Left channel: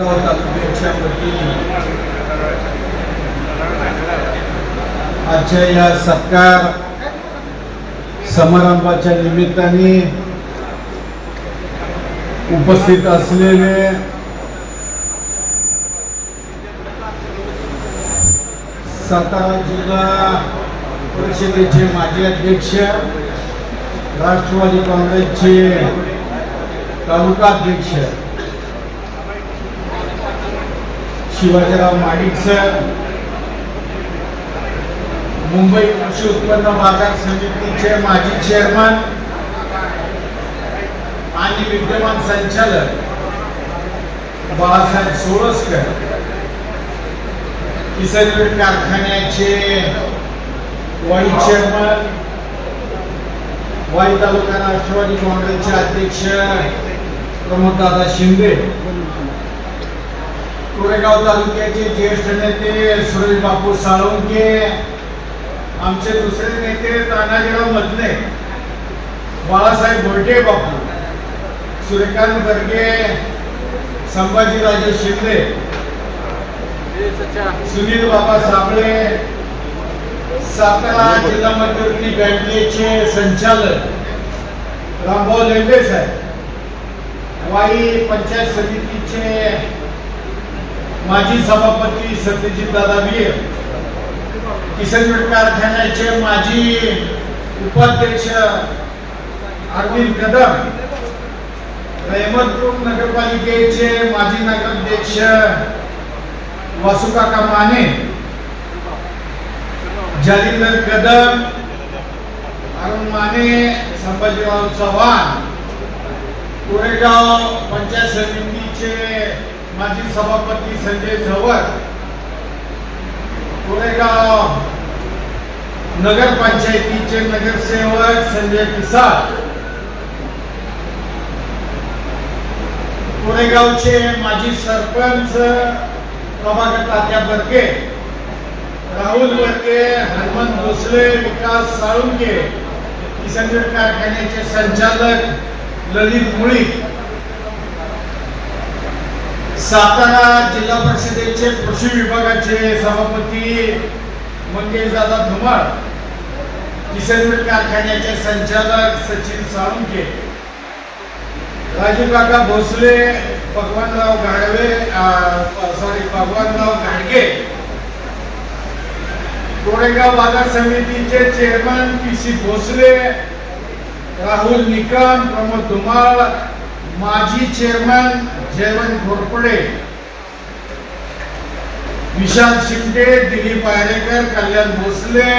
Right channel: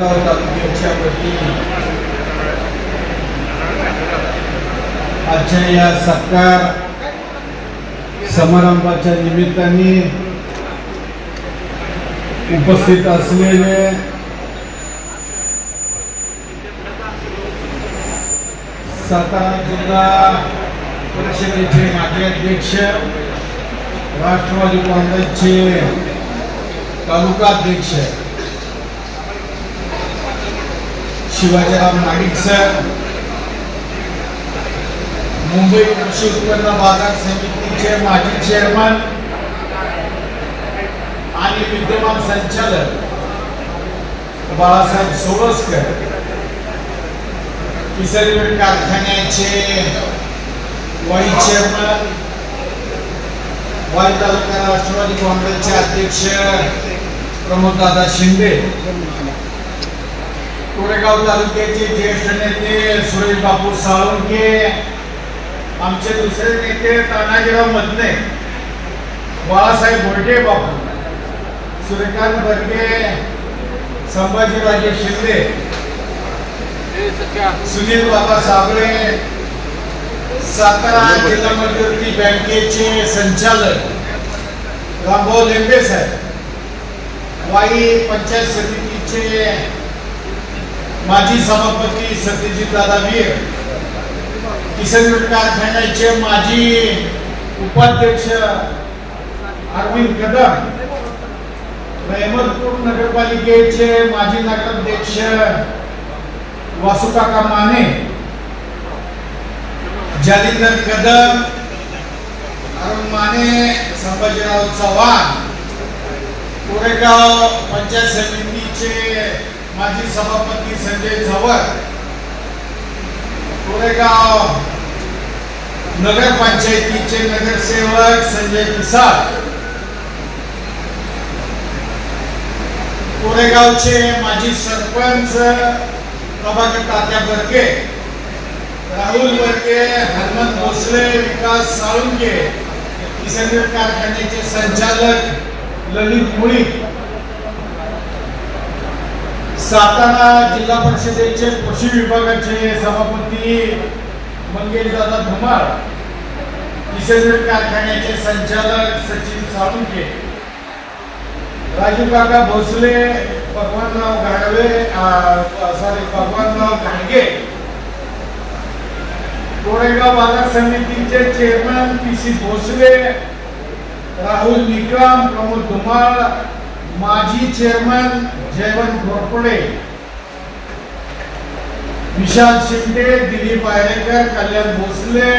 तालुक्याच्या वतीने आजच्या या सत्कार समारंभाच्या निमित्ताने उपस्थित असलेले सातारा जिल्हा परिषदेचे माजी अध्यक्ष राष्ट्रवादी काँग्रेसचे तालुका अध्यक्ष शिवाजीराव माडिक सर मुंबई कृषी उत्पन्न बाजार समितीचे माजी चेअरमन आणि विद्यमान संचालक बाळासाहेब सोळसकर. किसनवीर कारखान्याचे वाईस चेअरमन वाई तालुका राष्ट्रवादी काँग्रेसचे अध्यक्ष प्रमोददादा शिंदे. कोरेगाव तालुक्याचे ज्येष्ठ नेते सुरेश बापू साळुंके आमचे दुसरे नेते तानाजीराव मधले बाळासाहेब बोर्डे बापू सूर्यकांत बर्गे संभाजीराजे शिंदे सुनील बाबा साबळे सातारा जिल्हा मध्यवर्ती बँकेचे संचालक रामभाऊ लेंडे साहेब वाई पंचायत समितीचे माजी सभापती सत्यजित दादा वीर किसन कारखान्याचे माजी उपाध्यक्ष अरविंद कदम अहमदपूर नगरपालिकेचे माजी नगराध्यक्ष वासुकाका माने जालिंदर कदम अरुण माने संभाजीराव चव्हाण कोरेगाव पंचायत समितीचे माजी सभापती संजय झवर कोरेगाव नगर पंचायतीचे नगरसेवक संजय पिसाळ कोरेगावचे माजी सरपंच प्रभाकर तात्या बर्गे राहुल बर्गे हनुमंत भोसले विकास साळुंके किसनवीर कारखान्याचे संचालक ललित मुळी सातारा जिल्हा परिषदेचे कृषी विभागाचे सभापती मंगेश दादा धुमाळ किसनवीर कारखान्याचे संचालक सचिन साळुंके राजू काका भोसले भगवानराव गाडवे सॉरी भगवानराव गाडगे कोरेगाव बाजार समितीचे chairman P C Bhosale Rahul Nikam Pramod Dhumal माजी चेअरमन जयवंत घोरपडे विशाल शिंदे दिलीप आयरेकर कल्याण भोसले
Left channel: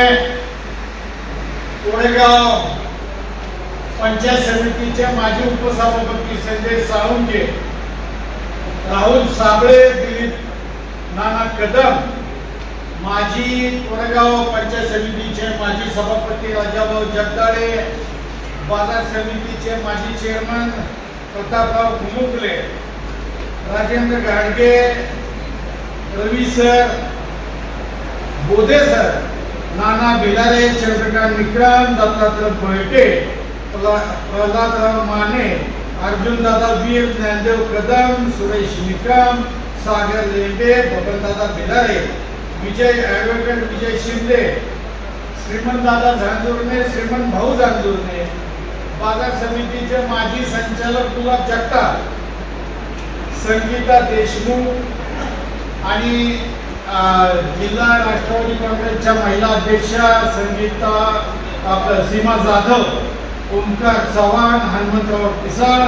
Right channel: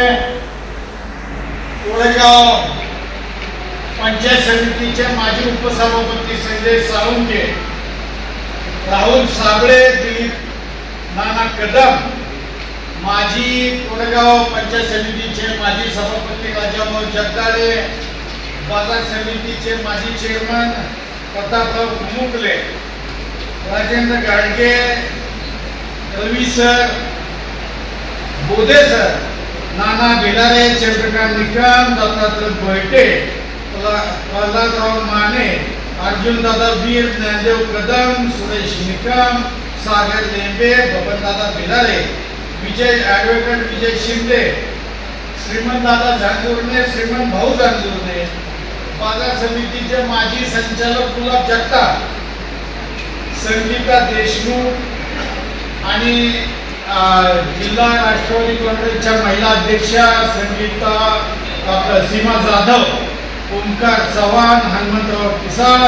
कोरेगाव पंचायत समितीचे माजी उपसभापती संजय साळुंके राहुल साबळे दिलीप नाना कदम माजी कोरेगाव पंचायत समितीचे माजी सभापती राजाभाऊ जगदाळे बाजार समितीचे माजी chairman Prataprao Ghumukle. Rajendra Gadge Ravi sir Bodhe sir Nana Bhilare Chandrakant Nikam Dattatray Baithe Pralhadrao Mane Arjun Dada Veer Dnyandev Kadam Suresh Nikam Sagar Lembe Babandada Bhilare Vijay advocate Vijay Shinde Shrimant Dada Zanjurne श्रीमंत भाऊ झांजुर्णे बाजार समितीचे माजी संचालक गुलाब जगताप संगीता देशमुख आणि जिल्हा राष्ट्रवादी काँग्रेसच्या महिला अध्यक्षा संगीता सीमा जाधव ओंकार चव्हाण हनुमंतराव पिसाळ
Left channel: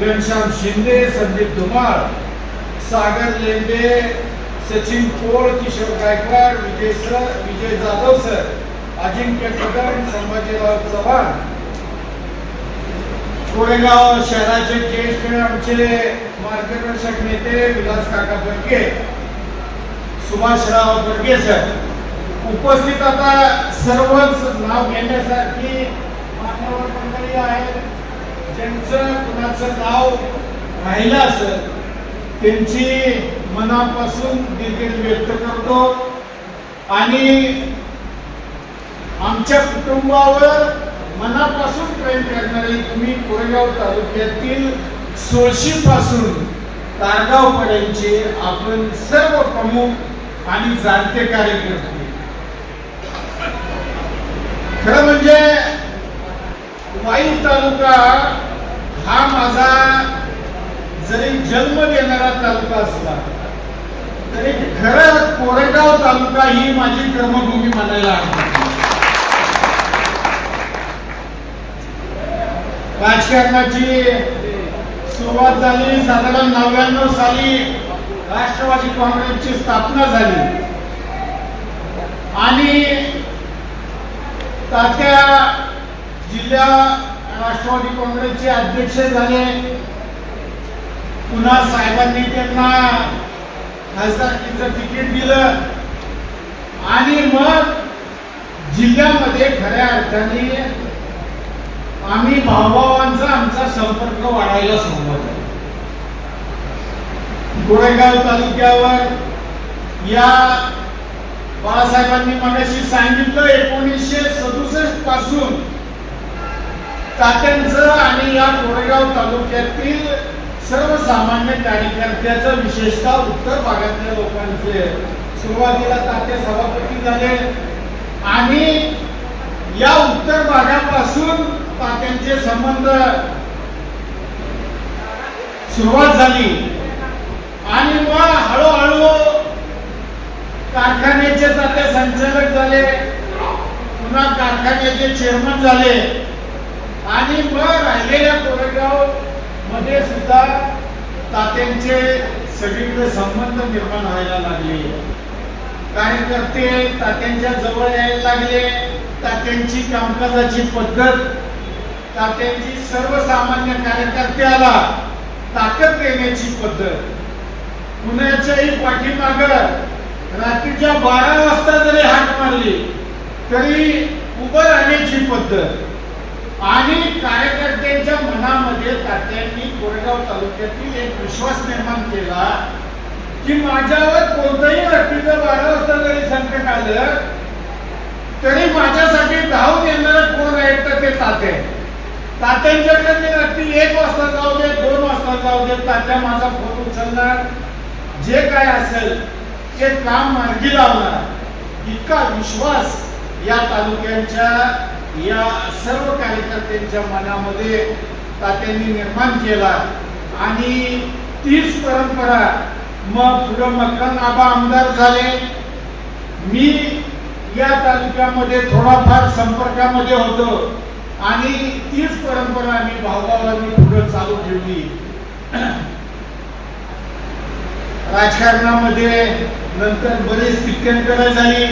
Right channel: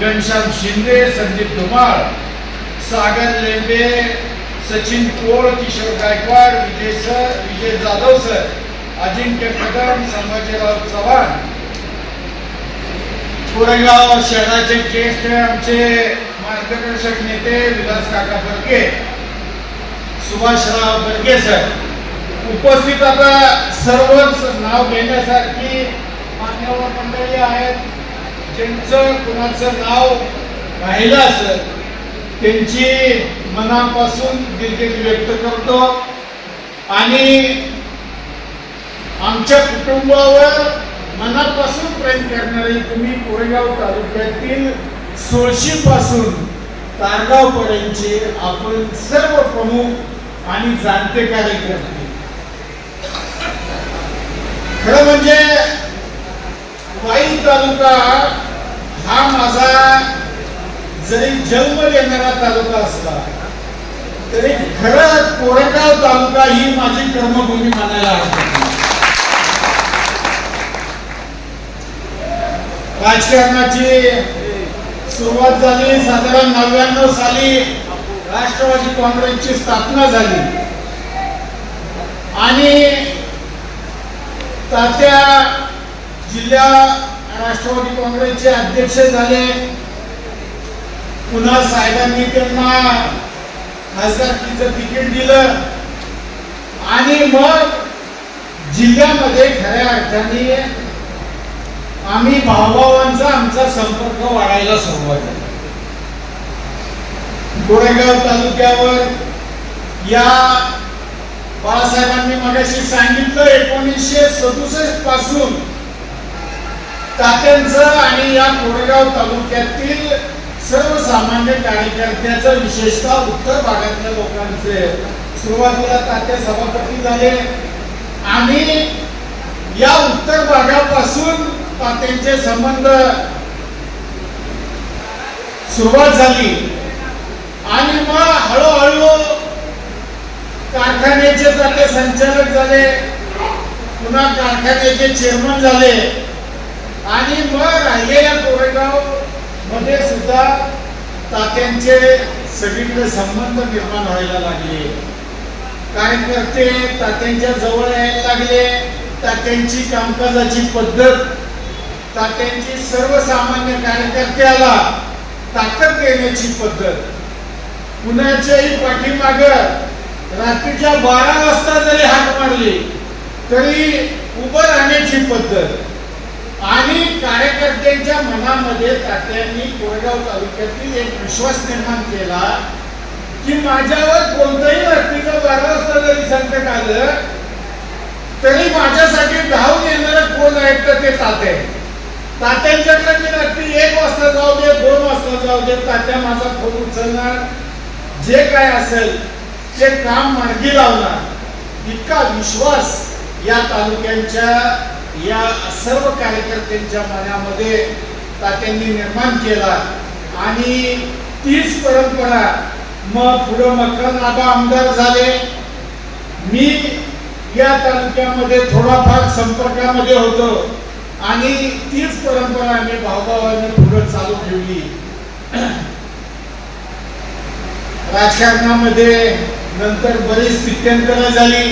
घनश्याम शिंदे संदीप धुमाळ सागर लेंबे सचिन कोळ किशोर गायकवाड विजय सर विजय जाधव सर अजिंक्य कदम संभाजीराव चव्हाण कोरेगाव शहराचे ज्येष्ठ आमचे मार्गदर्शक नेते विलास काका बर्गे सुभाषराव बर्गे सर. उपस्थित आता सर्वच नाव घेण्यासारखी मान्यवर मंडळी आहेत. ज्यांचं कुणाचं नाव राहिलं असेल त्यांची मनापासून दिलगिरी व्यक्त करतो. आणि आमच्या कुटुंबावर मनापासून प्रेम करणारे तुम्ही कोरेगाव तालुक्यातील सोळशी पासून तारगाव पर्यंतचे आपण सर्व प्रमुख आणि जाणते कार्यकर्ते खरं म्हणजे वाई तालुका हा माझा जरी जन्म घेणारा तालुका असला तरी खरं कोरेगाव तालुका ही माझी कर्मभूमी म्हणायला हरकत राजकारणाची सुरुवात झाली साधारण नव्याण्णव साली राष्ट्रवादी काँग्रेसची स्थापना झाली. आणि तात्या जिल्हा राष्ट्रवादी काँग्रेसचे अध्यक्ष झाले. पुन्हा साहेबांनी त्यांना खासदारकीचं तिकीट दिलं. आणि मग जिल्ह्यामध्ये खऱ्या अर्थाने आम्ही भावभावांचा आमचा संपर्क वाढायला सुरुवात झाली गोरेगाव तालुक्यावर या बाळासाहेबांनी मगाशी सांगितलं एकोणीसशे सदुसष्टपासून तात्यांचं आणि या कोरेगाव तालुक्यातील सर्वसामान्य कार्यकर्त्याचं विशेषतः उत्तर भागातल्या लोकांचे. सुरुवातीला तात्या सभापती झाले. आणि या उत्तर भागापासून तात्यांचे संबंध सुरुवात झाली. आणि मग हळूहळू कारखान्याचे ताते संचालक झाले पुन्हा कारखान्याचे चेअरमन झाले. आणि मग राहिलेल्या कोरेगावमध्ये सुद्धा तात्यांचे सगळीकडे संबंध निर्माण व्हायला लागले. कार्यकर्ते तात्यांच्या जवळ यायला लागले. तात्यांची कामकाजाची पद्धत तात्यांची सर्वसामान्य कार्यकर्त्याला ताकद देण्याची पद्धत. कुणाच्याही पाठीमाग रात्रीच्या बारा वाजता जरी हात मारली तरी उभं राहण्याची पद्धत. आणि कार्यकर्त्यांच्या मनामध्ये तात्यांनी कोरेगाव तालुक्यातील एक विश्वास निर्माण केला की माझ्यावर कोणतंही रात्रीचा बारा वाजता जरी संकट आलं तरी माझ्यासाठी धावून येणार कोण आहेत तर ते तात्या? तात्यांच्याकडे मी रात्री एक वाजता जाऊ दे दोन वाजता जाऊ दे तात्या माझा फोन उचलणार. जे काय असेल ते काम मार्गी लावणार. इतका विश्वास या तालुक्यांच्या या सर्व कार्यकर्त्यांच्या मनामध्ये तात्यांनी निर्माण केला. आणि तीच परंपरा मग पुढं मकरनाबा आमदार झाले. मी या तालुक्यामध्ये थोडाफार संपर्कामध्ये होतो. आणि तीच परंपरा आम्ही भावभावांनी पुढे चालू ठेवली. राजकारणामध्ये नंतर बरीच स्थित्यंतर झाली.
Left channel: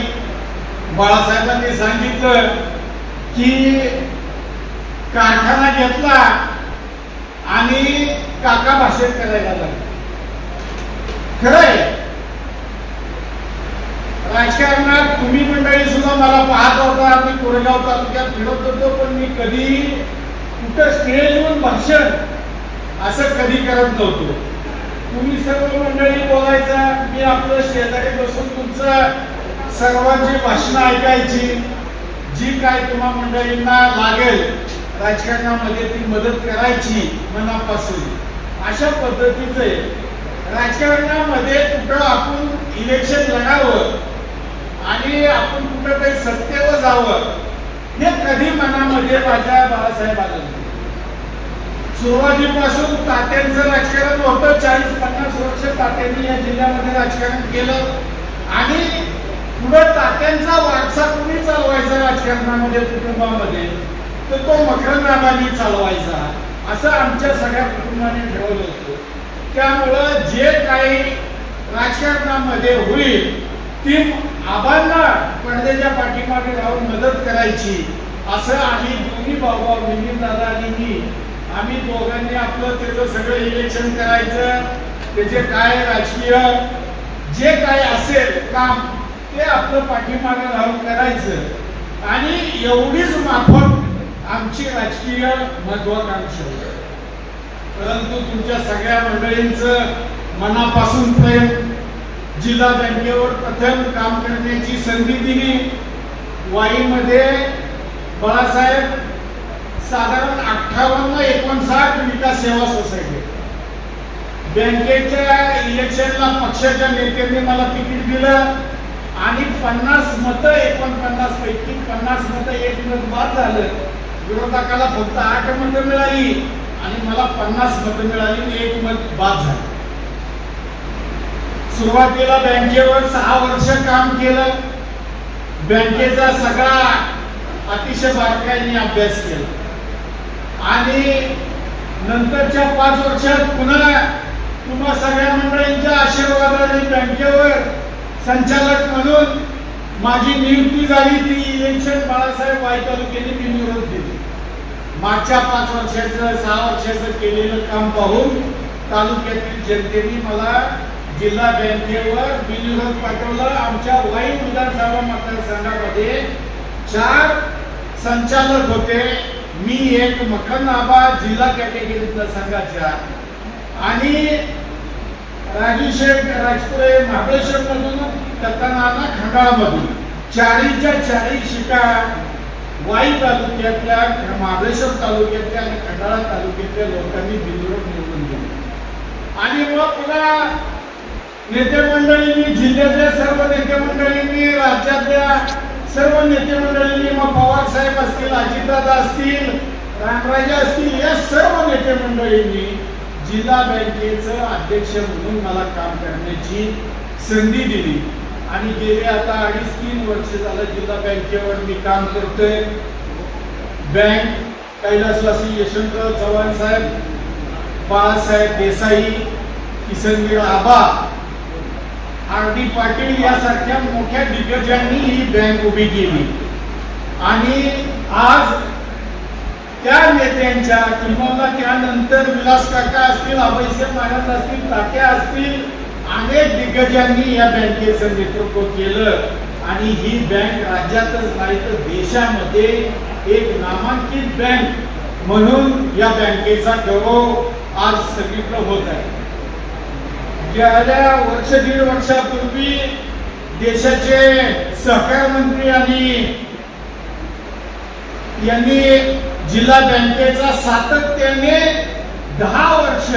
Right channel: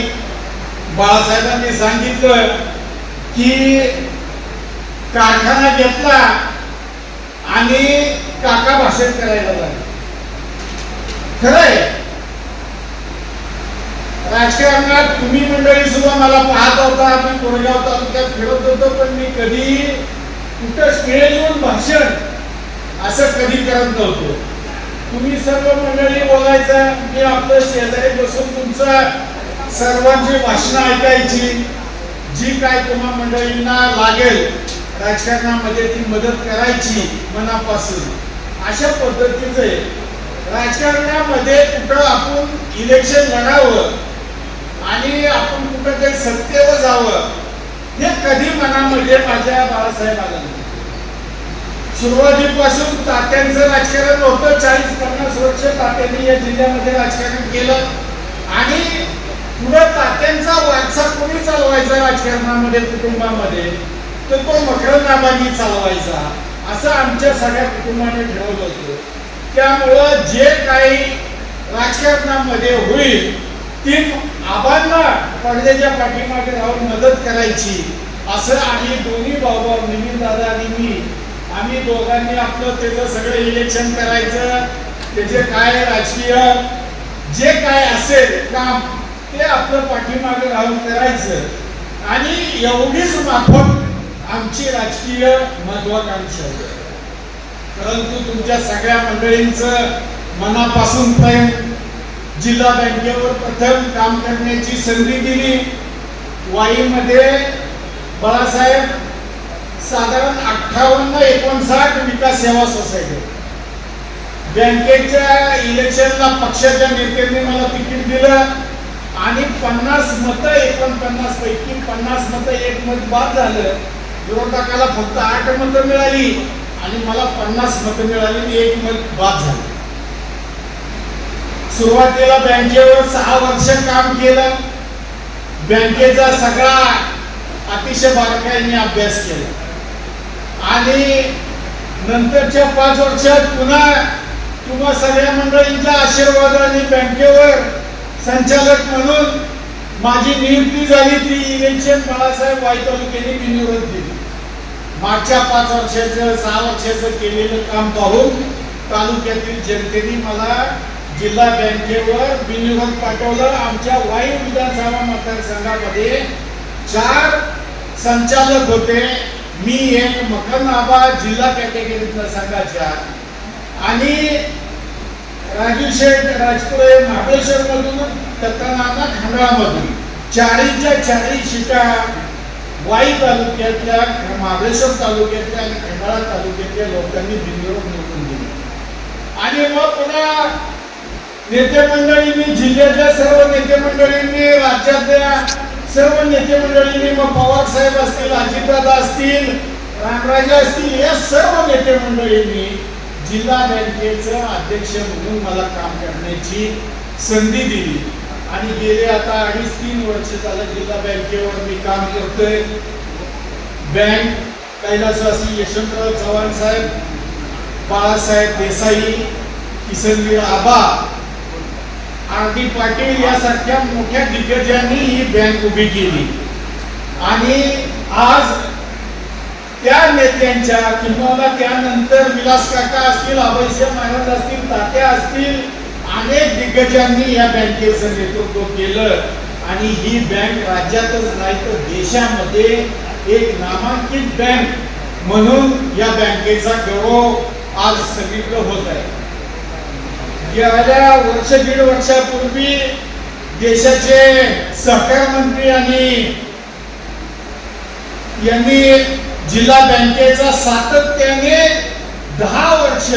बाळासाहेबांनी सांगितलं की कारखाना घेतला आणि काका भाषेत करायला लागला. खरंय राजकारणात तुम्ही मंडळी सुद्धा मला पाहत होता मी कोरेगाव तालुक्यात फिरत होतो पण मी कधी कुठं स्टेजवर भाषण असं कधी करत नव्हतो. तुम्ही सर्व मंडळी बोलायचं मी आपलं शेजारी बसून तुमचं सर्वांची भाषणं ऐकायची जी काय तुम्हा मंडळींना लागेल राजकारणामध्ये ती मदत करायची मनापासून. अशा पद्धतीचे राजकारणामध्ये कुठं आपण इलेक्शन लढावं आणि आपण कुठं काही सत्तेवर जावं. हे कधी मनामध्ये माझ्या बाबासाहेब आलं सुरुवातीपासून तात्यांचं राजकारण होतं. चाळीस पन्नास वर्ष तात्यांनी या जिल्ह्यामध्ये राजकारण केलं. आणि पुढं तात्यांचा वारसा कोणी चालवायचा राजकारणामध्ये कुटुंबामध्ये? तर तो मकरंदाबांनी चालवायचा. असं आमच्या सगळ्या कुटुंबाने ठरवलं होतं. त्यामुळं जे काही राजकारणामध्ये होईल ती आबांना पडद्याच्या पाठीमागे राहून मदत करायची. असं आम्ही दोन्ही भाऊभाऊ निमीन दादा आणि मी आम्ही दोघांनी आपलं त्याचं सगळं इलेक्शन करायचं. त्याचे काय राजकीय जे काय असेल काम ते आपलं पाठीमागे राहून करायचं. आणि एवढीच माफक आमची राजकीय महत्वाकांक्षा परंतु तुमच्या सगळ्या मंडळींचं मनापासून प्रेम जिल्हा बँकेवर प्रथम काम करण्याची संधी दिली. वाईमध्ये बाळासाहेब साधारण अठ्ठावन्न एकोणसाठ विकास सेवा सोसायटी. बँकेच्या इलेक्शनला पक्षाच्या नेत्यांनी मला तिकीट दिलं आणि पन्नास मतं एकोणपन्नास पैकी पन्नास मतं एक मत बाद झालं. विरोधकाला फक्त आठ मतं मिळाली आणि मला पन्नास मतं मिळाली आणि एक मत बाद झालं. सुरुवातीला बँकेवर सहा वर्ष काम केलं. बँकेचा सगळा अतिशय बारकाईने अभ्यास केला. आणि नंतरच्या पाच वर्षात पुन्हा तुम्हा सगळ्या मंडळींच्या आशीर्वादाने बँकेवर संचालक म्हणून माझी नियुक्ती झाली. ती इलेक्शन बाळासाहेब वाई तालुक्याने बिनविरोध दिली. मागच्या पाच वर्षाचं सहा वर्षाचं केलेलं काम पाहून तालुक्यातील जनतेने मला जिल्हा बँकेवर बिनविरोध पाठवलं. आमच्या वाई विधानसभा मतदारसंघामध्ये चार संचालक होते. मी एक मकन आबा जिल्हा कॅटेगरीतल्या संघाच्या आणि राजू शेठ राजपुरे महाबळेश्वर मधून दत्तानाना खंडाळामधून. चारीच्या चारी शिटा वाई तालुक्यातल्या महाबळेश्वर तालुक्यातल्या आणि खंडाळा तालुक्यातल्या लोकांनी बिनविरोध निवडून दिली. आणि मग पुन्हा नेते मंडळींनी जिल्ह्यातल्या सर्व नेते मंडळींनी राज्यातल्या सर्व नेते मंडळींनी मग पवार साहेब असतील अजितदादा असतील रामराजे असतील या सर्व नेते मंडळींनी जिल्हा बँकेचं अध्यक्ष म्हणून मला काम करण्याची संधी दिली. आणि गेले आता अडीच तीन वर्ष झालं जिल्हा बँकेवर मी काम करतोय. बँक कैलासवासी यशवंतराव चव्हाण साहेब बाळासाहेब देसाई किसनवीर आबा आर डी पाटील यासारख्या मोठ्या दिग्गजांनी ही बँक उभी केली. आणि आज त्या नेत्यांच्या किंवा त्यानंतर विलास काका असतील अभयसिंह महाराज असतील तात्या असतील अनेक दिग्गजांनी या बँकेचं नेतृत्व केलं. आणि ही बँक राज्यातच नाही तर देशामध्ये एक नामांकित बँक म्हणून या बँकेचा गौरव आज सगळीकडे होत आहे. गेल्या वर्ष दीड वर्षापूर्वी देशाचे सहकार मंत्री आणि यांनी जिल्हा बँकेचा सातत्याने दहा वर्ष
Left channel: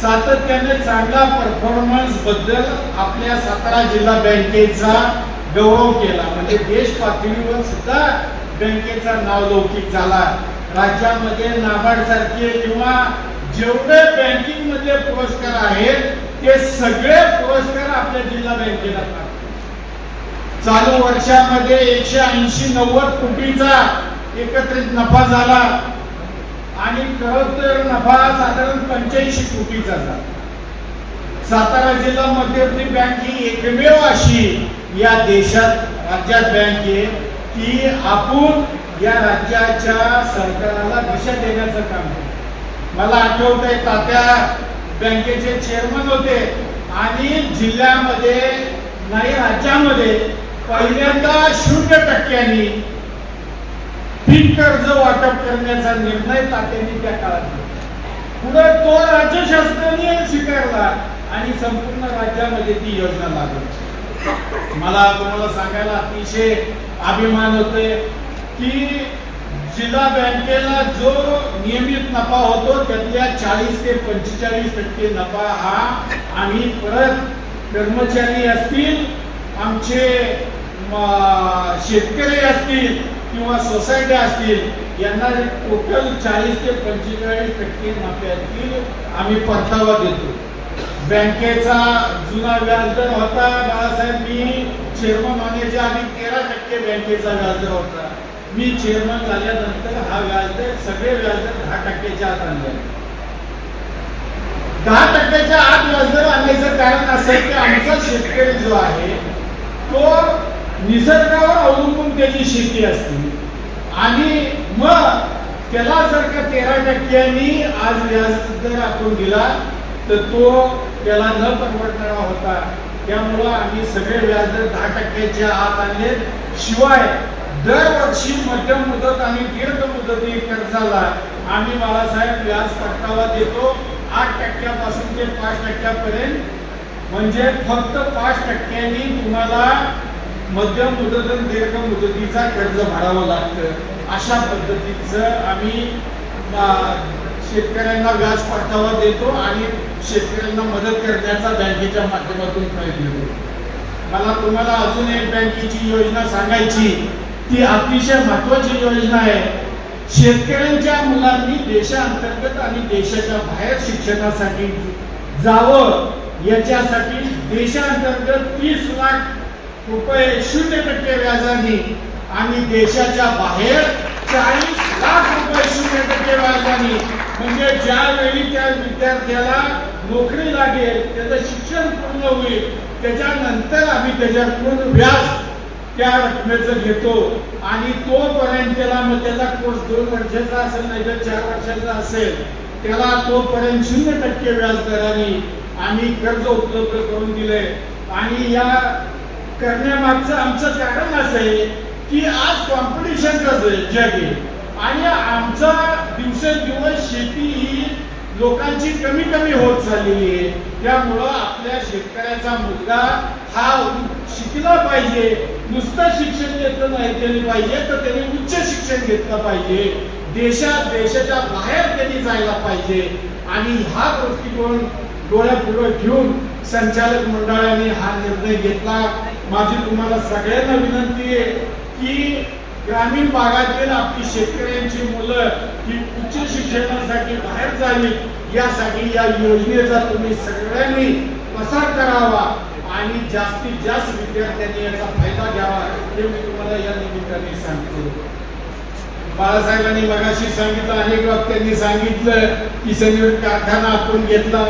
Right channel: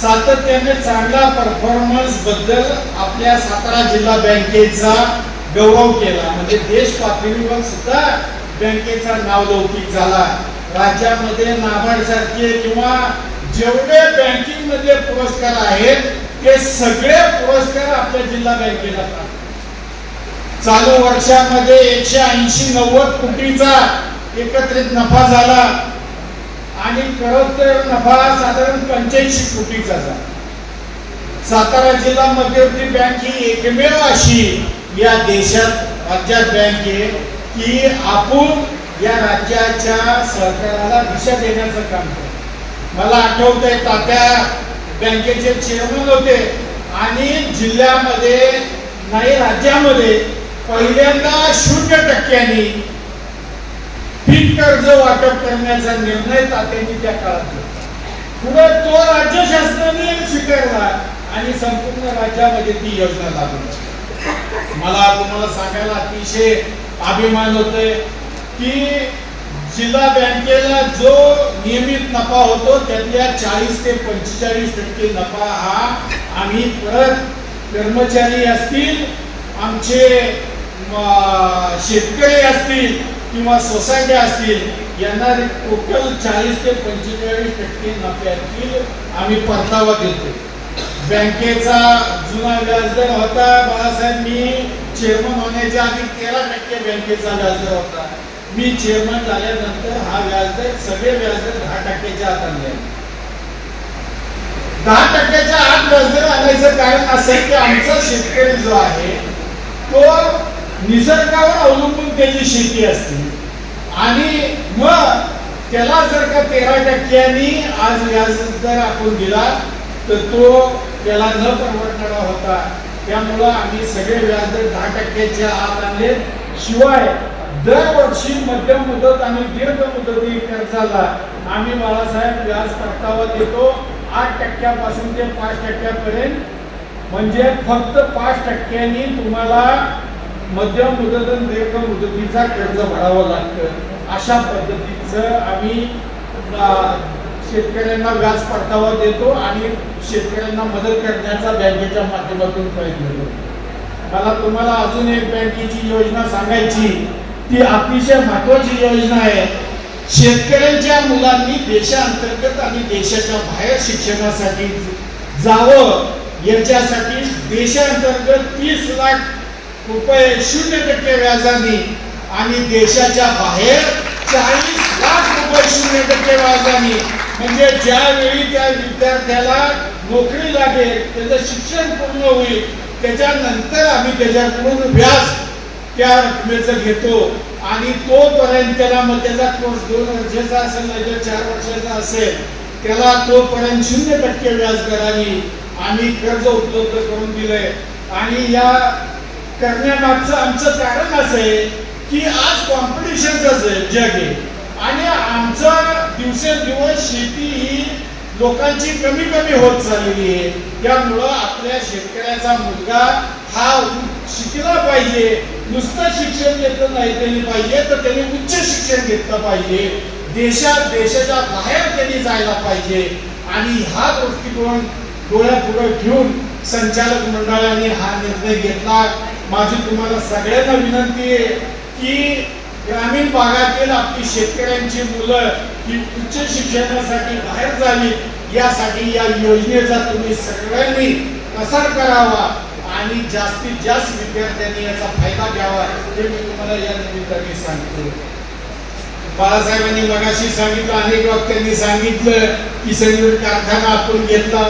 सातत्याने चांगला परफॉर्मन्सबद्दल आपल्या सातारा जिल्हा बँकेचा गौरव केला. म्हणजे देश पातळीवर सुद्धा बँकेचा नावलौकिक झाला. राज्यामध्ये नाबार्ड सारखे किंवा जेवढे बँकिंग मधले पुरस्कार आहेत ते सगळे पुरस्कार आपल्या जिल्हा बँकेला प्राप्त. चालू वर्षामध्ये एकशे ऐंशी नव्वद कोटीचा एकत्रित नफा झाला आणि खरंतर नफा साधारण पंच्याऐंशी कोटीचा झाला सातारा जिल्हा मध्यवर्ती बँक ही एकमेव अशी या देशात राज्यात बँक आहे की आपण या राज्याच्या सरकाराला दिशा देण्याचं काम करतो मला आठवतंय तात्या बँकेचे चेअरमन होते आणि जिल्ह्यामध्ये नाही राज्यामध्ये पहिल्यांदा शून्य टक्क्यांनी पीक कर्ज वाटप करण्याचा निर्णय तात्यांनी त्या काळात घेतला. पुढे तो राज्य शासनाने स्वीकारला आणि संपूर्ण राज्यामध्ये ती योजना लागली मला तुम्हाला सांगायला अतिशय अभिमान होतोय की जिल्हा बँकेला जो नियमित नफा होतो त्यातल्या चाळीस ते पंचेचाळीस टक्के नफा हा आम्ही परत कर्मचारी असतील आमचे शेतकरी असतील किंवा सोसायटी असतील यांना टोटल चाळीस ते पंचेचाळीस टक्के नफ्यातील आम्ही परतावा देतो. बँकेचा जुना व्याजदर होता बाळासाहेब मी चेअरमन होण्याच्या आधी तेरा टक्के बँकेचा व्याजदर होता. मी चेअरमन झाल्यानंतर हा व्याजदर सगळे व्याजदर दहा टक्क्याच्या आत आणले. दहा टक्क्याच्या आत व्याजदर आणायचं कारण असं आहे की आमचा शेतकरी जो आहे तो निसर्गावर अवलंबून त्याची शेती असते. आणि मग त्याला जर का तेरा टक्क्यांनी आज व्याजदर आपण दिला तर तो त्याला न परवडणारा होता. त्यामुळं आम्ही सगळे व्याज दर दहा टक्क्याच्या आत आणले. शिवाय दरवर्षी मध्यम मुदत आणि दीर्घ मुदती कर्जाला आम्ही बाळासाहेब व्याज परतावा देतो. आठ टक्क्यापासून ते पाच टक्क्यापर्यंत. म्हणजे फक्त पाच टक्क्यांनी तुम्हाला मध्यम मुदत आणि दीर्घ मुदतीचा कर्ज भरावं लागतं. अशा पद्धतीचं आम्ही शेतकऱ्यांना व्याज परतावा देतो आणि शेतकऱ्यांना मदत करण्याचा बँकेच्या माध्यमातून प्रयत्न करतो. मला तुम्हाला अजून एक बँकेची योजना सांगायची ती अतिशय महत्वाची योजना आहे. शेतकऱ्यांच्या मुलांनी देशांतर्गत आणि देशाच्या बाहेर शिक्षणासाठी जावं. याच्यासाठी देशांतर्गत तीस लाख रुपये शून्य टक्के व्याजाने आणि देशाच्या बाहेर चाळीस लाख रुपये शून्य टक्के व्याजाने. म्हणजे ज्यावेळी त्या विद्यार्थ्याला नोकरी लागेल त्याचं शिक्षण पूर्ण होईल त्याच्यानंतर आम्ही त्याच्याकडून व्याज त्या रकमेचं घेतो. आणि तोपर्यंत त्याला मग त्याचा कोर्स दोन वर्षाचा असेल नाही तर चार वर्षाचा असेल त्याला तोपर्यंत शून्य टक्के व्याज दराने आम्ही कर्ज उपलब्ध करून दिलंय. आणि या करण्यामागचं आमचं कारण असं आहे की आज कॉम्पिटिशनचं जग आहे आणि आमचा दिवसेंदिवस शेती ही लोकांची कमी कमी होत चाललेली आहे. त्यामुळं आपल्या शेतकऱ्याचा मुलगा हा शिकला पाहिजे. नुसतं शिक्षण घेतलं नाही त्यांनी पाहिजे तर त्यांनी उच्च शिक्षण घेतलं पाहिजे. देशात देशाच्या बाहेर त्यांनी जायला पाहिजे. आणि हा दृष्टिकोन डोळ्यापुढे घेऊन संचालक मंडळाने हा निर्णय घेतला. माझी तुम्हाला सगळ्यांना विनंती आहे की ग्रामीण भागातील आपली शेतकऱ्यांची मुलं ही उच्च शिक्षणासाठी बाहेर जावी. यासाठी या योजनेचा तुम्ही सगळ्यांनी प्रसार करावा. आणि जास्तीत जास्त विद्यार्थ्यांनी याचा फायदा घ्यावा हे मी तुम्हाला या निमित्ताने सांगतो. बाळासाहेबांनी मगाशी सांगितलं अनेक वक्त्यांनी सांगितलं की सनिवट कारखाना आपण घेतला.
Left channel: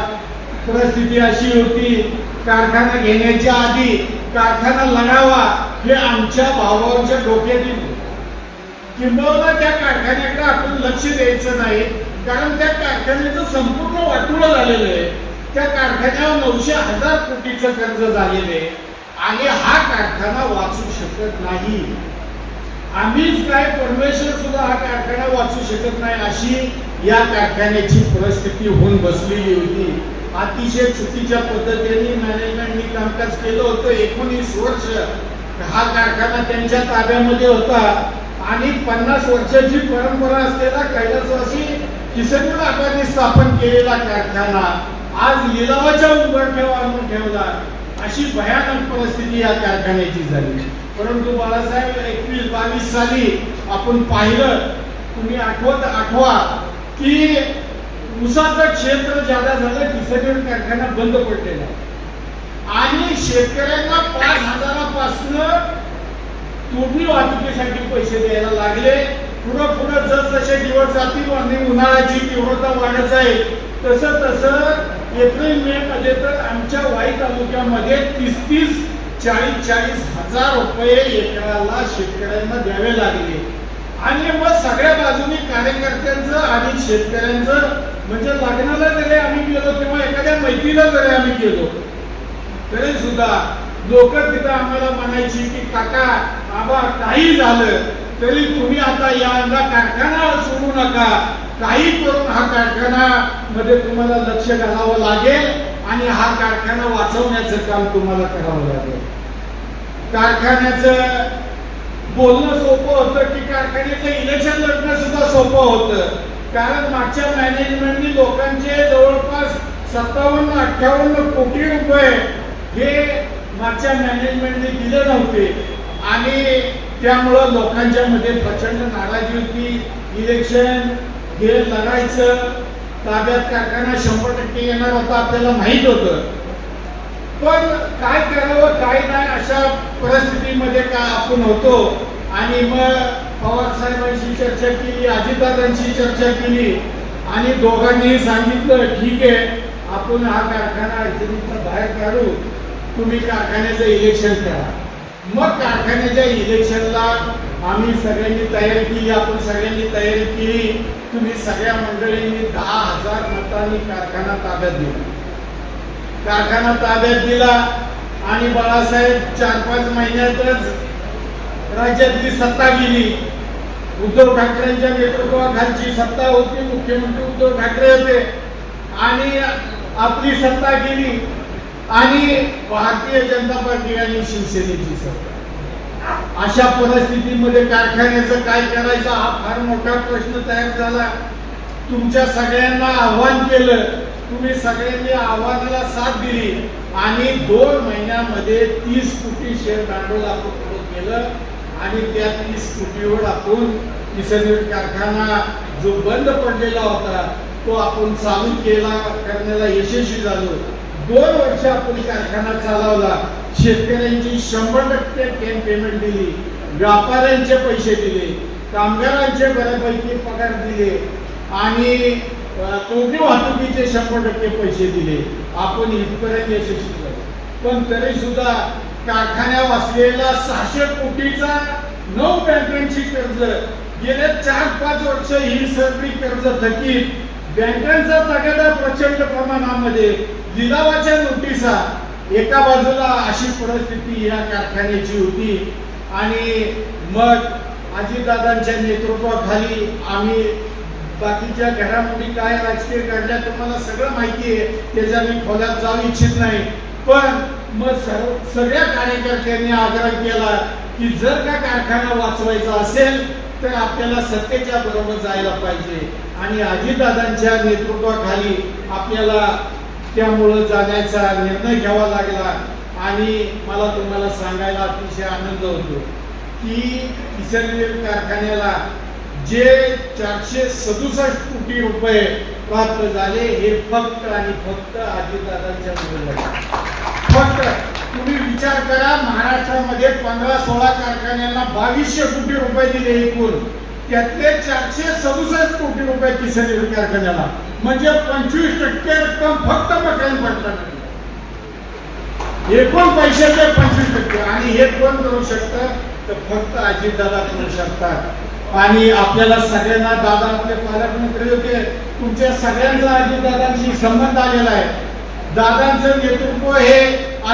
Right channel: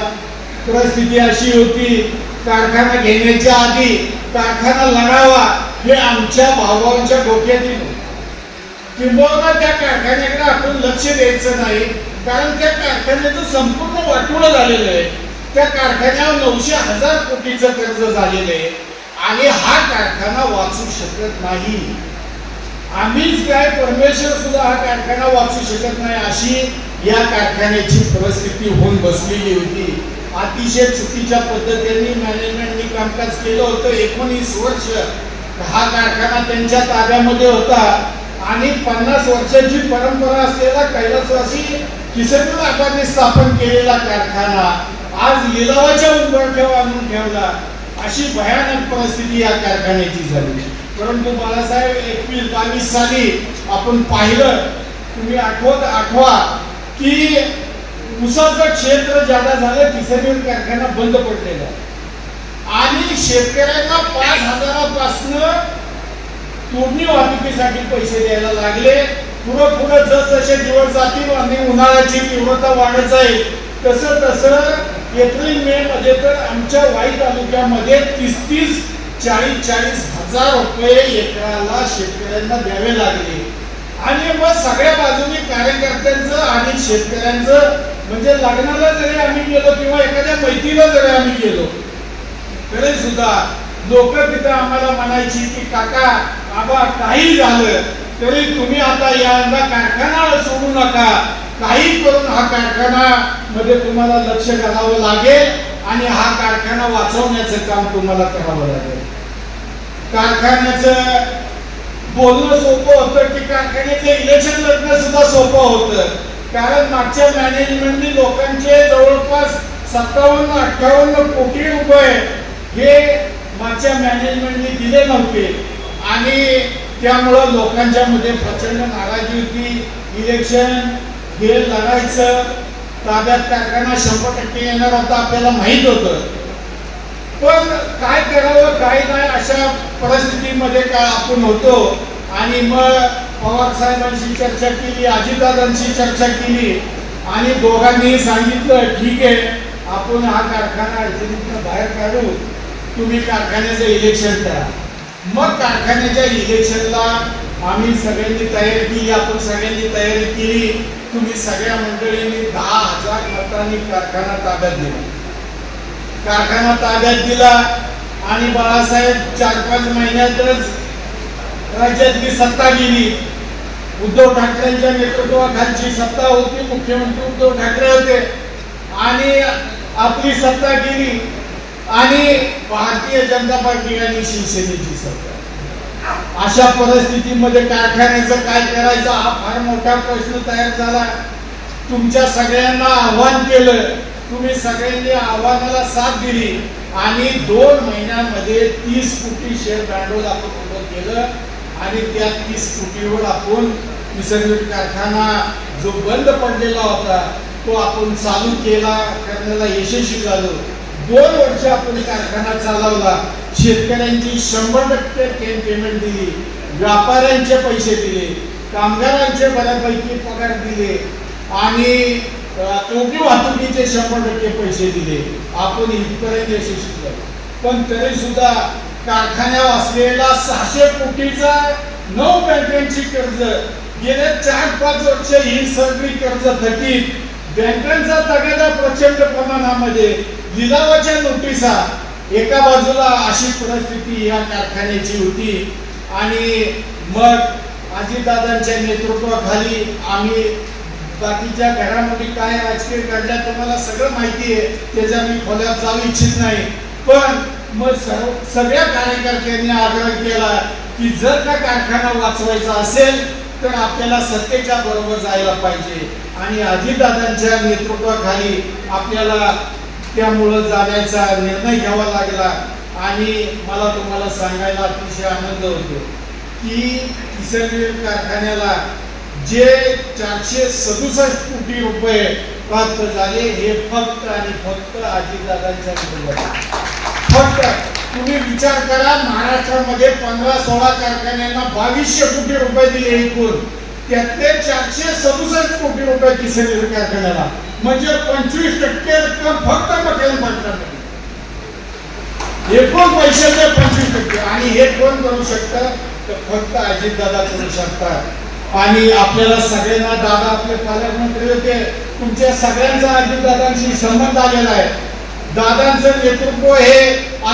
परिस्थिती अशी होती कारखाना घेण्याच्या आधी कारखाना लगावा हे आमच्या भावांच्या डोक्यातील होतं. किंबहुना त्या कारखान्याकडे आपण लक्ष द्यायचं नाही कारण त्या कारखान्याचं संपूर्ण वाटोळं झालेलं आहे. त्या कारखान्याला नऊशे हजार कोटीचं कर्ज झालेलं आहे आणि हा कारखाना वाचू शकत नाही. आम्हीच काय परमेश्वर सुद्धा हा कारखाना वाचू शकत नाही अशी या कारखान्याची परिस्थिती होऊन बसलेली होती. अतिशय चुकीच्या पद्धतीने मॅनेजमेंटनी कामकाज केलं होतं एकोणीस वर्ष. हा कारखाना त्यांच्या ताब्यामध्ये होता आणि पन्नास वर्षाची परंपरा असलेला कैलासवासी किसनपूर आबांनी स्थापन केलेला कारखाना आज लिलावाच्या उंबरठ्यावर आणून ठेवला. अशी भयानक परिस्थिती या कारखान्याची झाली. परंतु बाळासाहेब एकवीस बावीस साली आपण पाहिलं तुम्ही आठवत आठवा की ऊसाचं क्षेत्र ज्यादा झालं किसनपूर कारखाना बंद पडलेला. आणि शेतकऱ्यांना पाच हजारापासनं तोडणी वाहतुकीसाठी पैसे द्यायला लागले. पुढं पुढं जसजसे दिवस जातील आणि उन्हाळ्याची तीव्रता वाढत जाईल. तसं तसं एप्रिल मे मध्ये तर आमच्या वाई तालुक्यामध्ये तीस तीस चाळीस चाळीस हजार रुपये एकराला शेतकऱ्यांना द्यावे लागले. आणि मग सगळ्या बाजूनी कार्यकर्त्यांचं आणि शेतकऱ्यांचं म्हणजे लग्नाला जरी आम्ही गेलो किंवा एखाद्या मैत्रीला जरी आम्ही गेलो तरी सुद्धा लोक तिथं आम्हाला म्हणायची की काका आबा काही झालं तरी तुम्ही आता यांना कारखाना सोडू नका. काही करून हा कारखाना मध्ये तुम्हाला लक्ष घालावं लागेल आणि हा कारखाना वाचवण्याचं काम तुम्हाला करावं लागेल. कारखान्याचं बोलणं सोपं होतं की कारखान्याचं इलेक्शन लढणं सुद्धा सोपं होतं. कारण मागच्या मॅनेजमेंटनी लोकांचे जवळपास सत्तावन्न अठ्ठावन्न कोटी रुपये हे मागच्या मॅनेजमेंटने दिले नव्हते. आणि त्यामुळं लोकांच्या मध्ये प्रचंड नाराजी होती. इलेक्शन हे लागायचं ताब्यात कारखाना शंभर टक्के येणार होता आपल्याला माहीत होतं. पण काय करावं काय नाही अशा परिस्थितीमध्ये का आपण होतो? आणि मग पवार साहेबांशी चर्चा केली अजितदादांशी चर्चा केली आणि दोघांनीही सांगितलं ठीक आहे आपण हा कारखाना अडचणीतनं बाहेर काढू. तुम्ही कारखान्याचं इलेक्शन करा. मग कारखान्याच्या इलेक्शनला आम्ही सगळ्यांनी तयारी केली आपण सगळ्यांनी तयारी केली. तुम्ही सगळ्या मंडळींनी दहा हजार मतांनी कारखाना ताब्यात दिला. कारखाना ताब्यात दिला आणि बाळासाहेब चार पाच महिन्यातच राज्यातली सत्ता गेली उद्धव ठाकरेंच्या नेतृत्वाखालची सत्ता होती मुख्यमंत्री उद्धव ठाकरे होते. आणि आपली सत्ता गेली आणि भारतीय जनता पार्टी आणि शिवसेनेची सत्ता. अशा परिस्थितीमध्ये कारखान्याचं काय करायचं हा फार मोठा प्रश्न तयार झाला. तुमच्या सगळ्यांना आव्हान केलं. तुम्ही सगळ्यांनी आव्हानाला साथ दिली. आणि दोन महिन्यामध्ये तीस कोटी शेअर भांडवल आपण उभं केलं. आणि त्या तीस कोटीवर आपण निसर्ग कारखाना जो बंद पडलेला होता तो आपण चालू केला करण्याला यशस्वी झालो. दोन वर्ष आपण कारखाना चालवला. शेतकऱ्यांची शंभर टक्के पेमेंट दिली. व्यापाऱ्यांचे पैसे दिले. कामगारांचे बऱ्यापैकी पगार दिले. आणि तोटी वाहतुकीचे शंभर टक्के पैसे दिले. आपण इथपर्यंत यशस्वी झालो. पण तरी सुद्धा कारखान्यावर असलेला सहाशे कोटीचा नऊ बँकांची कर्ज गेल्या चार पाच वर्ष ही सगळी कर्ज थकीत बँकांचा तगादा प्रचंड प्रमाणामध्ये लिलावाच्या नोटिसा एका बाजूला अशी परिस्थिती या कारखान्याची होती आणि मग अजितदादांच्या नेतृत्वाखाली आम्ही बाकीच्या घडामोडी काय राजकीय घडल्या तुम्हाला सगळं माहिती आहे. त्याच्या मी खोल्यात जाऊ इच्छित नाही. पण मग सर्व सगळ्या कार्यकर्त्यांनी आग्रह केला की जर का कारखाना वाचवायचा असेल तर आपल्याला सत्तेच्या बरोबर जायला पाहिजे. आणि अजितदादांच्या नेतृत्वाखाली आपल्याला त्यामुळं जाण्याचा निर्णय घ्यावा लागला आणि मला तुम्हाला सांगायला अतिशय आनंद होतो की किसनवीर कारखान्याला जे चारशे सदुसष्ट कोटी रुपये प्राप्त झाले हे फक्त आणि फक्त आजीदादांच्या बरोबर. फक्त तुम्ही विचार करा महाराष्ट्रामध्ये पंधरा सोळा कारखान्यांना बावीसशे कोटी रुपये दिले एकूण. त्यातले चारशे सदुसष्ट कोटी रुपये किसनवीर कारखान्याला. म्हणजे पंचवीस टक्के रक्कम फक्त मकरन पाटलांना एकूण पैशाचे पंचवीस टक्के? आणि हे कोण करू शकतं? तर फक्त अजितदादा करू शकतात. आणि आपल्याला सगळ्यांना दादा आपले पालकमंत्री होते. तुमच्या सगळ्यांचा अजितदादांशी संबंध आलेला आहे. दादांचं नेतृत्व हे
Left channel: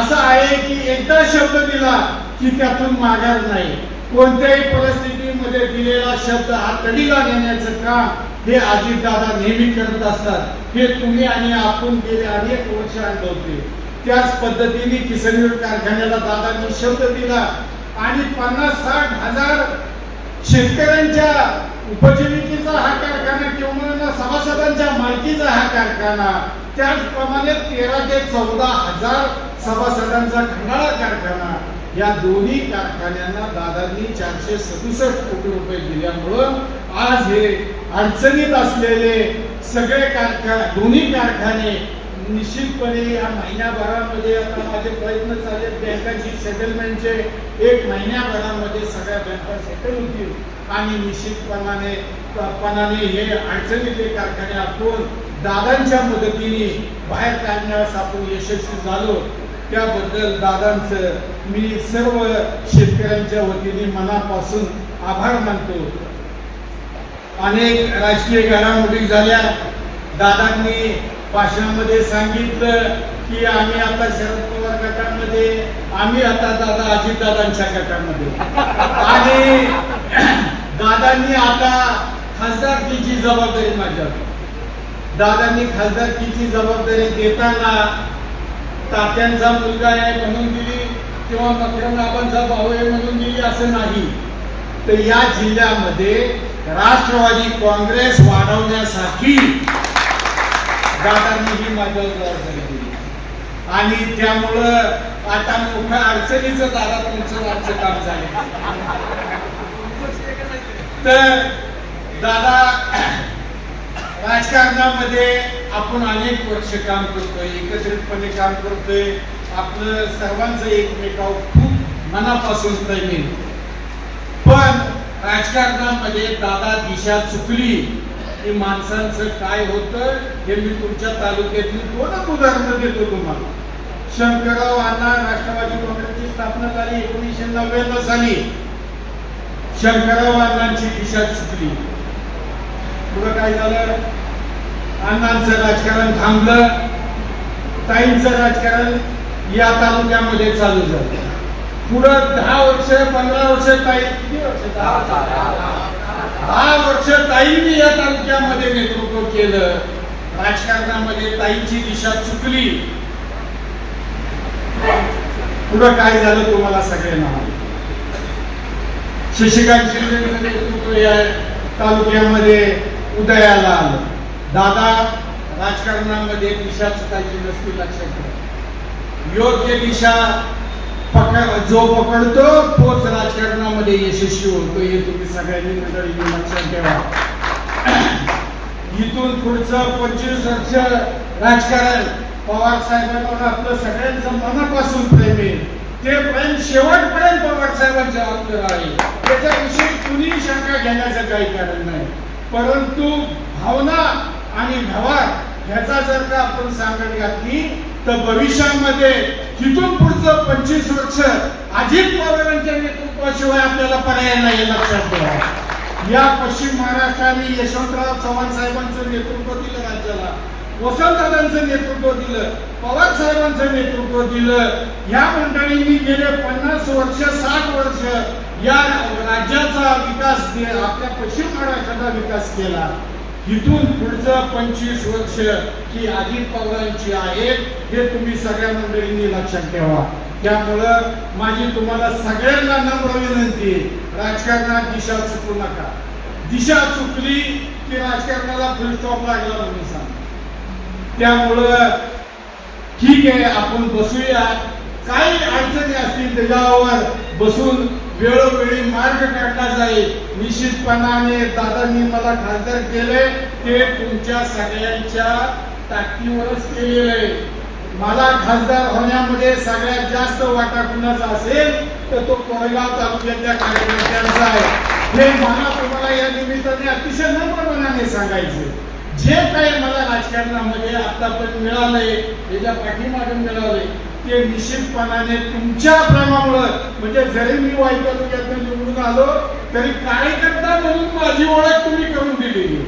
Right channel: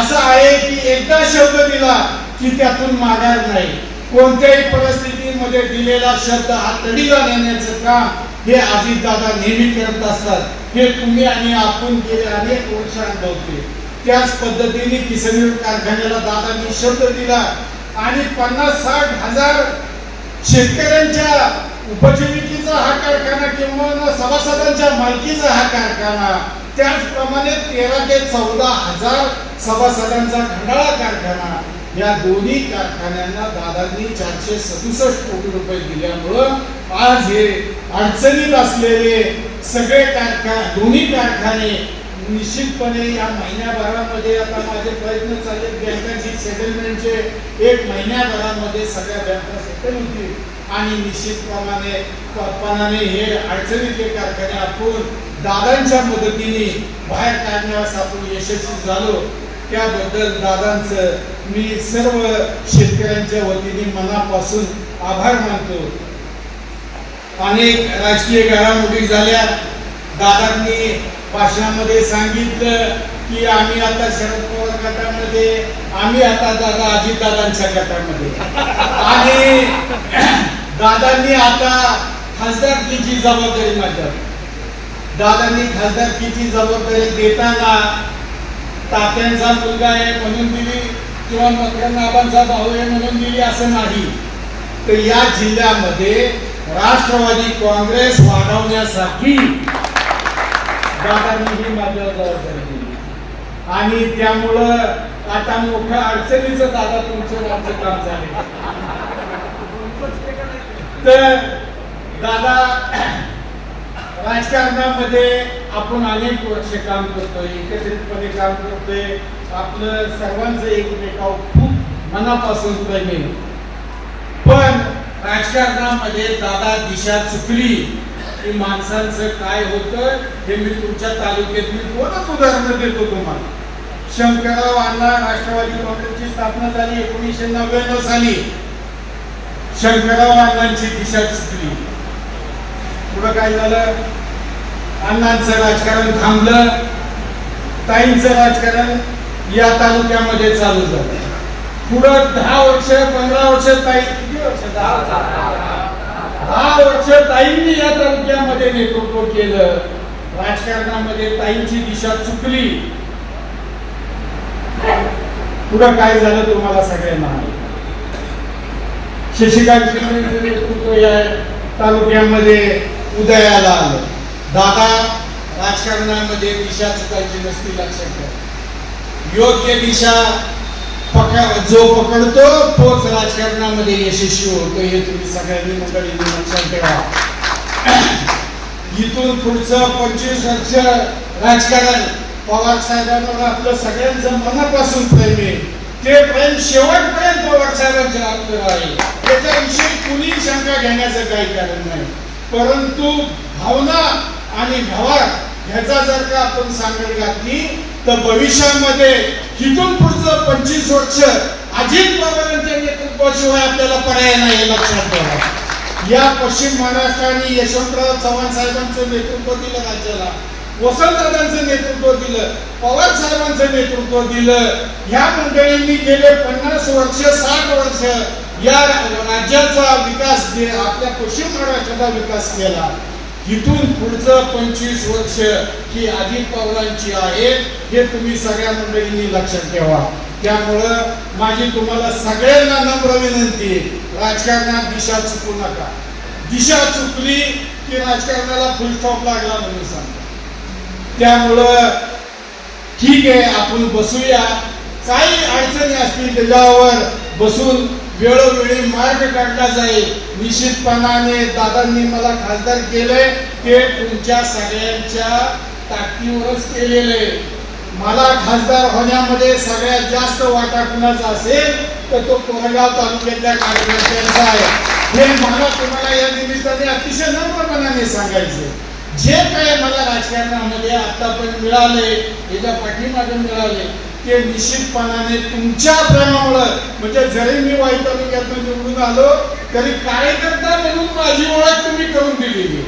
असं आहे की एकदा शब्द दिला की त्यातून माघार नाही. कोणत्याही परिस्थितीमध्ये दिलेला शब्द हा तडीला नेण्याचं काम हे अजितदादा नेहमी करत असतात. हे तुम्ही आणि आपण गेले अनेक वर्ष अनुभवते त्याच पद्धतीने किसनवीर कारखान्याला दादांनी शब्द दिला आणि पन्नास साठ हजार शेतकऱ्यांच्या उपजीविकेचा हा कारखाना किंवा सभासदांच्या मालकीचा हा कारखाना त्याचप्रमाणे तेरा ते चौदा हजार सभासदांचा खंडाळा कारखाना या दोन्ही कारखान्यांना दादांनी चारशे सदुसष्ट कोटी रुपये दिल्यामुळं आज हे अडचणीत असलेले सगळे कारखा दोन्ही कारखाने निश्चितपणे या महिन्याभरामध्ये आता माझे प्रयत्न चालले बँकांची सेटलमेंटचे एक महिन्याभरामध्ये सगळ्या बँका सेटल होतील. आणि निश्चितप्रमाणे पणाने हे अडचणीतले कारखाने आपण दादांच्या मदतीने बाहेर काढण्यास आपण यशस्वी झालो. त्याबद्दल दादांचं मी सर्व शेतकऱ्यांच्या वतीने मनापासून आभार मानतो. अनेक राजकीय घडामोडी झाल्या. दादांनी भाषणामध्ये सांगितलं की आम्ही आता शरद पवार गटामध्ये आम्ही आता दादा अजितदादांच्या गटामध्ये. आणि दादांनी आता खासदारकीची जबाबदारी माझ्यावर. दादांनी खासदारकीची जबाबदारी देताना तात्यांचा मुलगा आहे म्हणून दिली किंवा मकरंदाबांचा भाऊ आहे म्हणून दिली असं नाही. तर या जिल्ह्यामध्ये राष्ट्रवादी काँग्रेस वाढवण्यासाठी दादांनी ही माझ्यावर जबाबदारी दिली. आणि त्यामुळं आता मोठ्या अडचणीचं दादा तुमचं आमचं काम झाले तर दादा राजकारणामध्ये आपण अनेक वर्ष काम करतोय एकत्रितपणे काम करतोय. आपलं सर्वांचं एकमेकावर खूप मनापासून प्रेम आहे. पण राजकारणामध्ये दादा दिशा चुकली की माणसांचं काय होतं हे मी तुमच्या तालुक्यातली दोनच उदाहरणं देतो तुम्हाला. शंकरराव अण्णा राष्ट्रवादी काँग्रेसची स्थापना झाली एकोणीसशे नव्याण्णव साली. शंकरराव अण्णांची दिशा चुकली. पुढं काय झालं? अण्णांचं राजकारण थांबलं ताईंचं राजकारण या तालुक्यामध्ये चालू झालं. पुढं दहा वर्ष पंधरा वर्ष ताई किती वर्ष? दहा वर्ष. ताईंनी या तालुक्यामध्ये नेतृत्व केलं. राजकारणामध्ये ताईंची दिशा चुकली. पुढं काय झालं तुम्हाला सगळ्यांना शशिकांत शिंदे नेतृत्व या तालुक्यामध्ये उदयाला आलं. दादा राजकारणामध्ये दिशा चुकायची नसती लक्षात ठेवा. योग्य दिशा पकड जो पकडतो तोच राजकारणामध्ये यशस्वी होतो हे तुम्ही सगळ्यांनी मंडळींनी लक्षात ठेवा. इथून पुढचं पंचवीस वर्ष राजकारण. पवार साहेबांवर आपलं सगळ्यांचं मनापासून प्रेम आहे. ते प्रेम शेवटपर्यंत पवार साहेबांच्या जबाबदार आहे. त्याच्याविषयी कुणी शंका घेण्याचं काही कारण नाही. परंतु भावना आणि व्यवहार ह्याचा जर का आपण सांगड घातली तर भविष्यामध्ये इथून पुढचं पंचवीस वर्ष अजित पवारांच्या नेतृत्वाशिवाय आपल्याला पर्याय नाही लक्षात ठेवा. या पश्चिम महाराष्ट्राने यशवंतराव चव्हाण साहेबांचं नेतृत्व दिलं राज्याला. वसंतदादांचं नेतृत्व दिलं. पवार साहेबांचं नेतृत्व दिलं. ह्या मंडळींनी गेले पन्नास वर्ष साठ वर्ष या राज्याचा विकास आपल्या पश्चिम महाराष्ट्राचा विकास केला. इथून पुढचं पंचवीस वर्ष ही अजित पवारांची आहेत हे तुम्ही सगळ्या मंडळींनी लक्षात ठेवा. त्यामुळं माझी तुम्हाला सगळ्यांना नम्र विनंती राजकारणात दिशा चुकू नका. दिशा चुकली की राजकारणाला फुल स्टॉप लागला म्हणून सांगा त्यामुळं ठीक आहे आपण बसूया. काही अडचणी असतील त्याच्यावर बसून वेळोवेळी मार्ग काढला जाईल. निश्चितपणाने दादांनी मला खासदार केले. ते तुमच्या सगळ्यांच्या ताकदीवरच केलेलं. आहे मला खासदार होण्यामध्ये सगळ्यात जास्त वाटा कुणाचा असेल तर तो कोरगाव तालुक्यातल्या कार्यकर्त्यांचा आहे. हे मला तुम्हाला या निमित्ताने अतिशय नम्रपणाने सांगायचे जे काही मला राजकारणामध्ये आतापर्यंत मिळाले याच्या पाठीमागे मिळाले ते निश्चितपणाने तुमच्या प्रेमामुळं म्हणजे जरी मी वाईट तालुक्यातून निवडून आलो तरी कार्यकर्ता म्हणून माझी ओळख तुम्ही करून दिलेली.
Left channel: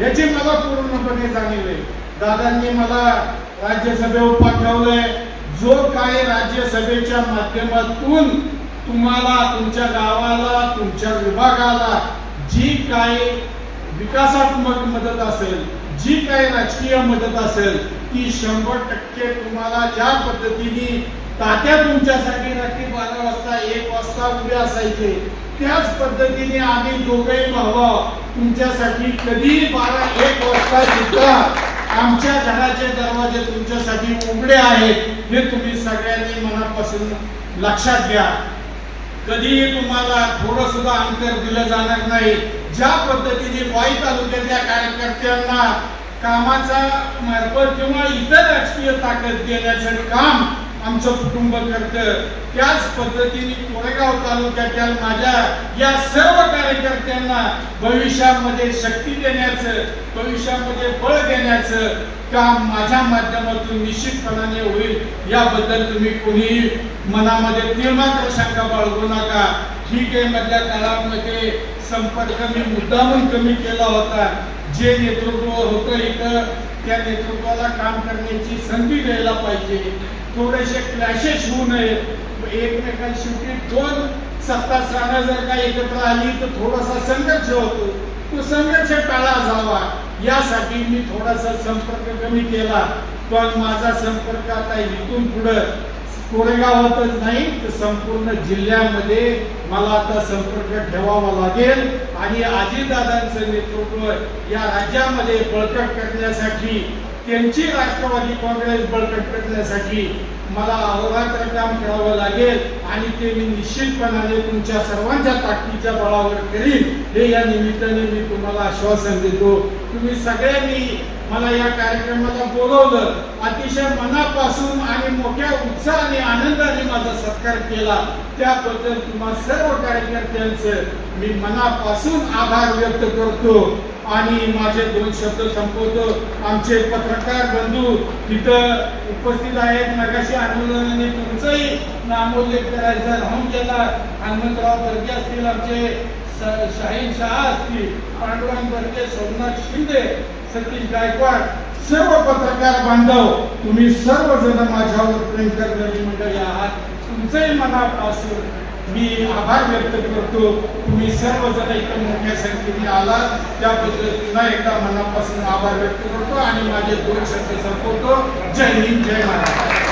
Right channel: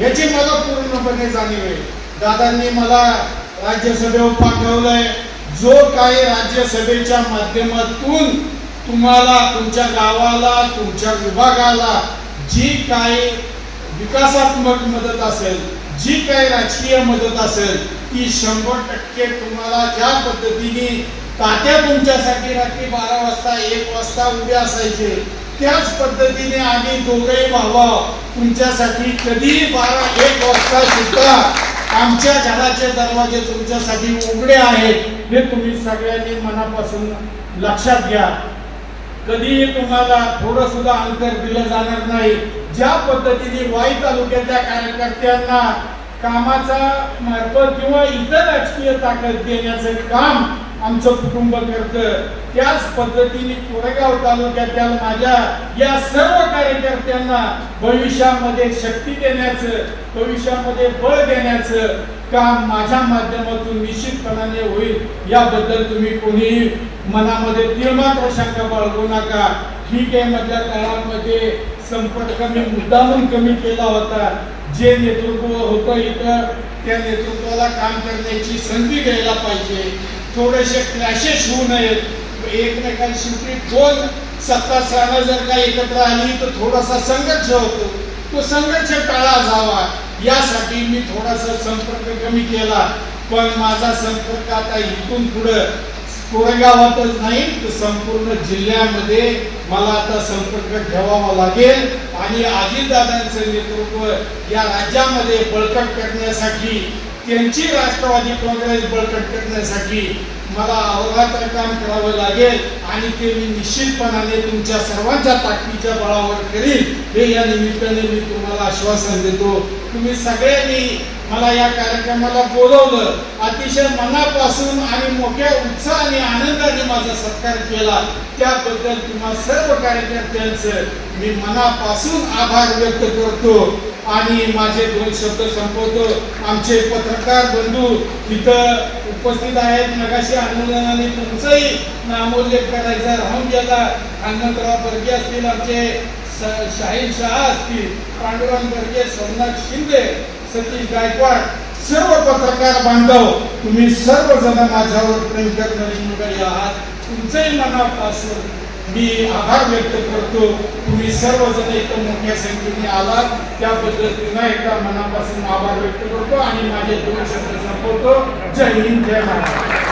याची मला पूर्णपणे जाणीव आहे. दादांनी मला राज्यसभेवर पाठवलंय. जो काय राज्यसभेच्या माध्यमातून तुम्हाला तुमच्या गावाला तुमच्या विभागाला जी काही विकासात्मक मदत असेल जी काय राजकीय मदत असेल ती शंभर टक्के तुम्हाला ज्या पद्धतीने तात्या तुमच्यासाठी रात्री बारा वाजता एक वाजता उभे असायचे त्याच पद्धतीने आम्ही दोघेही भावा तुमच्यासाठी कधी बारा एक वाजता सुद्धा आमच्या घराचे दरवाजे तुमच्यासाठी उघडे आहेत हे तुम्ही सगळ्यांनी मनापासून लक्षात घ्या. कधीही तुम्हाला थोडं सुद्धा अंतर दिलं जाणार नाही. ज्या पद्धतीने वाई तालुक्यातल्या कार्यकर्त्यांना कामाचा मार्फत किंवा इतर राजकीय ताकद देण्याचं काम आमचं कुटुंब करतं. त्याच पद्धतीने कोरेगाव तालुक्यातल्या माझ्या या सर्व कार्यकर्त्यांना भविष्यामध्ये शक्ती देण्याचं भविष्यामध्ये बळ देण्याचं काम माझ्या माध्यमातून निश्चितपणाने होईल. याबद्दल तुम्ही कोणीही मनामध्ये तीळमात्र शंका बाळगू नका. ठीक आहे मधल्या काळामध्ये संपर्क मी मुद्दामून कमी केला होता. जे नेतृत्व होतं इथं त्या नेतृत्वाला काम करण्याची संधी द्यायला पाहिजे. थोडेसे क्लॅशेस होऊ नयेत. एकमेकांशी शेवटी दोन सत्तास्थानं जर का एकत्र आली तर थोडासा संघर्ष होतो. तो संघर्ष टाळा जावा. यासाठी मी थोडासा संपर्क कमी केला. पण माझा संपर्क आता इथून पुढं कोरेगावातच नाही तर संपूर्ण जिल्ह्यामध्ये मला आता संपर्क ठेवावा लागेल. आणि अजितदादांचं नेतृत्व या राज्यामध्ये बळकट करण्यासाठी त्यांची राष्ट्रवादी काँग्रेस बळकट करण्यासाठी मला अहोरात्र काम करावं लागेल. आणि ते मी निश्चितपणाने तुमच्या सर्वांच्या ताकदीच्या बळावर करीन. हे या निमित्ताने मी तुम्हाला आश्वासन देतो. तुम्ही सगळ्यांनी मला या कार्यक्रमाला बोलवलं. अतिशय मनापासून आणि मोठ्या उत्साहाने आनंदाने माझा सत्कार केला. त्याबद्दल तुम्हा सर्व कार्यकर्त्यांचं मी मनापासून आभार व्यक्त करतो. आणि माझे दोन शब्द संपवतो. आमचे पत्रकार बंधू तिथं उपस्थित आहेत. नगाशी आंदोलनाने तुमचंही नामोल्लेख करायचा राहून गेला. हनुमंतराव बर्गे असतील आमचे शाहीन शहा असतील पांडुरंग बर्गे सोमनाथ शिंदे सतीश गायकवाड सर्व पत्रकार बांधव तुम्ही सर्वजण माझ्यावर प्रेम करणारी मंडळी आहात. तुमचंही मनापासून मी आभार व्यक्त करतो. तुम्ही सर्वजण इथं मोठ्या संख्येने आलात. त्याबद्दल पुन्हा एकदा मनापासून आभार व्यक्त करतो आणि माझे दोन शब्द संपवतो. जय हिंद जय महाराष्ट्र.